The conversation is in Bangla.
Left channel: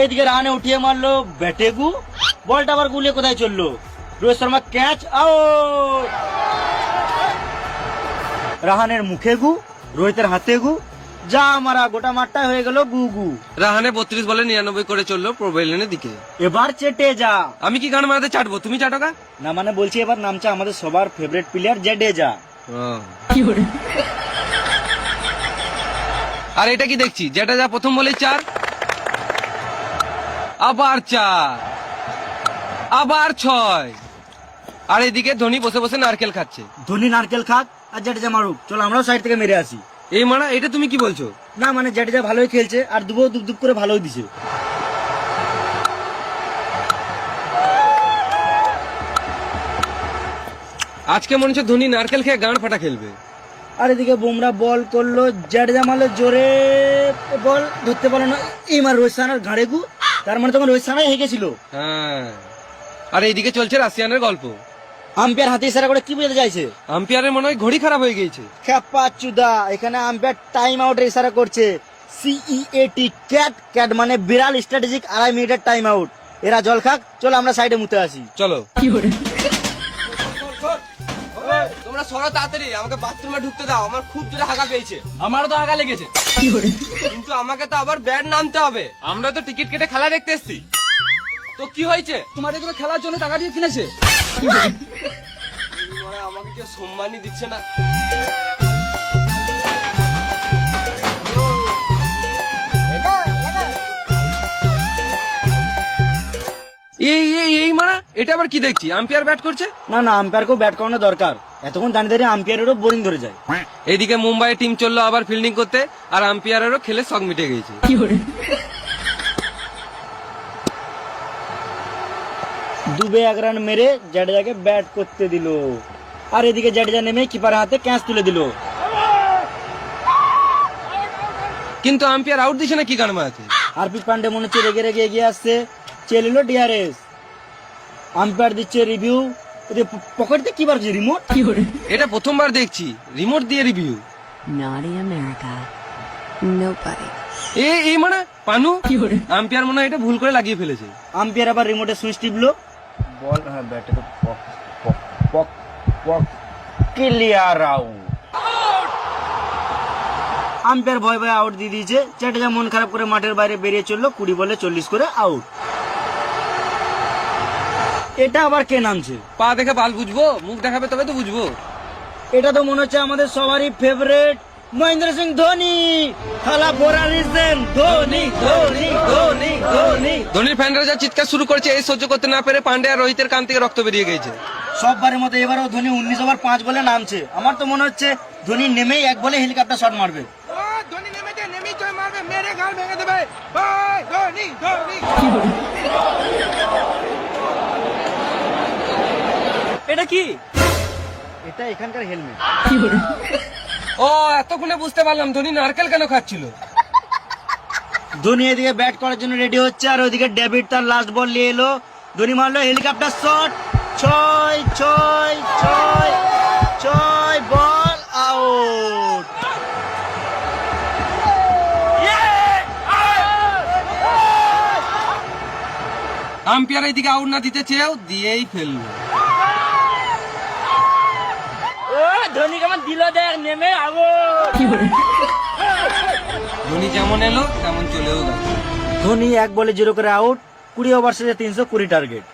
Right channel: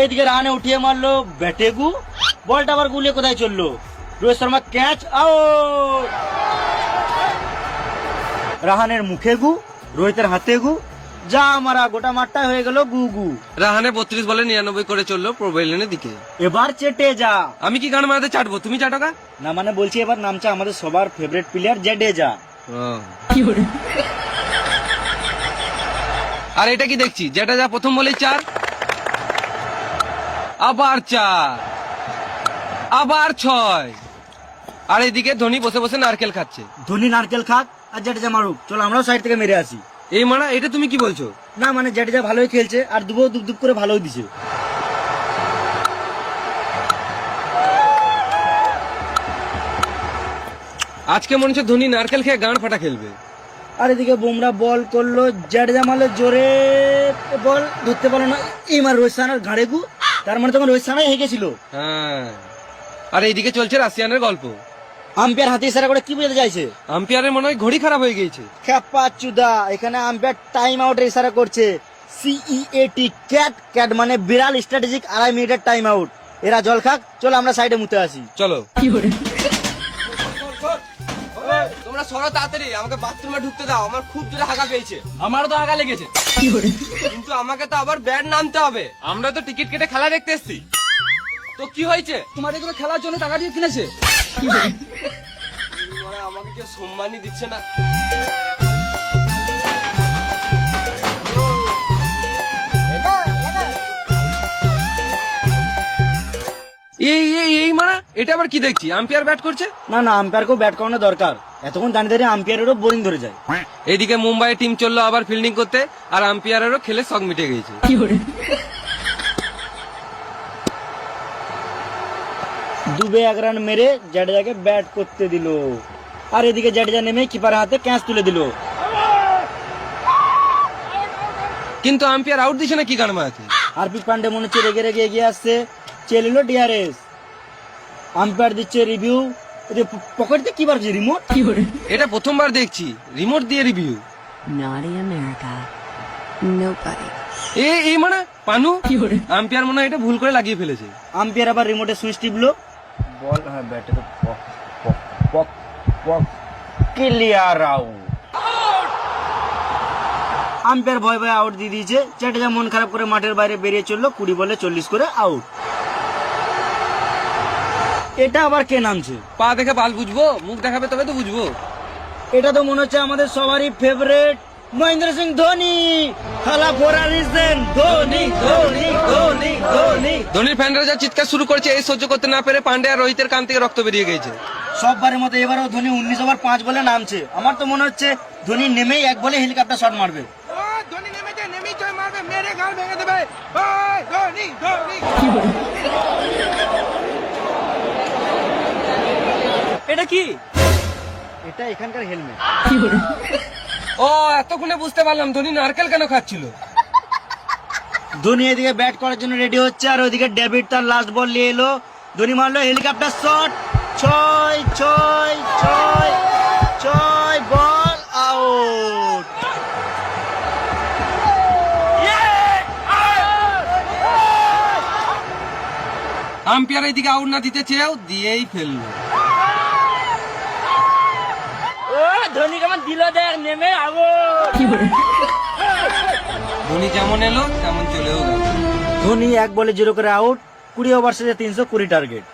এইদিকে রানে উঠিয়ে মারলো ব্যাটেগু। বলটা আবার গুলে কোথায় চলল? Rohit Sharma catch out. রাহানের মুখে গু রোহিতের হাতে গু যা মারা গোটা মাঠটা হয়ে গেল গু গু। রাহানে বত্রিশ বলে নিরানব্বই করে চলল প্রোবেলেনের দিকে। এবার চেটে যা। আমি কি গান মারাতে চাটবো? তুমি চাটা না না মানে বলছি এবার নামছে আমাদের সবার ফেভারিট প্লেয়ার জেডেজা আর এটা কি দেখছি? যেটা যা প্রথম বলি চার। আবার চার। আবার ছয়। আর এদিকে ধোনি বসে বসে নারকেল খাচ্ছে। ধোনি নারকেল খাক আর জেডেজা মারুক। চল আমরা সাইড থেকে মেরে আসি। এই মানে এটা তুমি কি বলছো? না মানে জেডেজা ভালোই খেলছে আর দুপুর দুপ দুপ করে ভালোই দিছে। আজকে মনে হচ্ছে ধোনি নারকেল খেয়ে গান ফাটা খেলবে। আর এদিকে বুমরা বল করল জেডেজা মারলো জোরে। বল ধরতে পারল না। এই মার রোহিত সানার ঘাড়ে গু। তার মানে তোমার রোহিত সানাই হয়ে গেছিল হ্যাঁ। আর এইদিকে চলছে রাশিয়ানের গল্প। আম্পায়ার হাতে ইশারা করে কি বোঝাতে চাইছে? আম্পায়ারের মনে হয় ঘড়ি খারাপ হয়ে গিয়েছে। চুদা এখানে আম্পায়ার টাইম আউট ইশারা করছে। সিইএটি ক্যাট ক্যাট মানে বিড়াল স্ট্র্যাটেজিক আড়াই মিনিটের টাইম আউট এরা জল খাক চলো আমরা সাইডে মুতে আসি। চলো। তোমরা সরো তাড়াতাড়ি আমাকে বাথরুমে ঢুকতে দাও আমার খুব জোরে হাগা পেয়েছে। আমারও তো হাগা লেগেছে। কিন্তু আমাকে তো আবার ব্যাট নামতে হবে। আমরা তো টিকিট কেটে খেলা দেখতে এসেছি। তো কি হয়েছে? তোমার এগুলো খেলার জন্য টাকা দিয়ে কিনেছে? মানে আমাকে কেউ সম্মানই দিচ্ছে না। এটা আবার কি দেখছি? আম্পায়ার ব্যাট করছে? না না আম্পায়ারকেও ব্যাট করানো দরকার। এতক্ষণ দাঁড়িয়ে দাঁড়িয়ে আম্পায়ারেরও বোরিং ধরে যায়। এইদিকে মুম্বাই টিম চলল আবার ফিল্ডিং করতে আর আম্পায়ারেরও খেলে শখ মিটে গিয়েছে। দুবে এক রান মেরে জাডেজাকে ব্যাট করতে দিল। আর এদিকে জাডেজা নেমে কিপারের হাতে ক্যাচ তুলে দিল। কিন্তু আম্পায়ার আউট দিছে না কি জানব আছে? হার্দিক পান্ডে মনে হচ্ছে রেগে রেগে এগিয়ে আসছে। চেলে এলো ডিআরএস আম্পায়ার দিচ্ছে রিভিউ পকেট দিয়ে কি বাড়ছে রিমোট এটা প্রথমবার দেখছি। রিমোট দিয়ে review Not in America. Nobody. এই এই মানে? পানো? আম্পায়ার মনে হয় এটা ভুল করে লাগিয়ে ফেলেছে। আম্পায়ার আবার রিমোটের সুইচ টিপলো। বল হ্যাঁ ব্যাটে ক্লিয়ার আউট আম্পায়ার ভয় ভয় আউট দিয়ে দিয়েছে। জাডেজা মন খারাপ করে মাঠের বাইরে বেরিয়ে চলল কুড়ি বলে চল্লিশ করে আউট এটা আবার কে নামছে? পা দেখে বাল বুঝব মুখ দেখাবে তবে তো বুঝব। এটা তো মনে হচ্ছে আমাদের সবারই ফেভারিট মহেন্দ্র সিং ধোনি। খেলা পড়া দিচ্ছেন ধোনি ধোনি ধোনি ধোনি। ধোনি ফ্যানরা যা চিৎকার শুরু করেছে এই সহ্য করতে না পেরে পান্ডে আর রোহিতের কান থেকে রক্ত বেরিয়ে গেছে। সববারের মতো এবারও ধোনি উনিশ ওভার পাঁচ বলে নামছে। আমার তো মনে হচ্ছে ধোনি নেমেই এক বলে হেলিকপ্টার শট মারবে এটা কি এটা এখানকার হেলমেট ও এতক্ষণে বুঝতে পারলাম ধোনি নারকেল কেন খাচ্ছিল। ধোনি এদিকে ব্যাট করার জন্য রেডি হচ্ছে আর ওদিকে ডেভিড তার লাস্ট বল নিয়ে এলো। ধোনি মারলো হেলিকপ্টার শট ছয় ছয় ছয় ছয় বল আউট আম্পায়ার এদিকে আউট না দিতে চেয়েও দিয়েই ফেলল। ও ধোনি কেমন দিলে দেখ নেমে আগে। ধোনি যেমন এলো? তেমন চলেও গেল। ধোনি এক বলে জিরো করে আউট কুড়ি ওভার শেষে তিনশো কুড়ি টার্গেট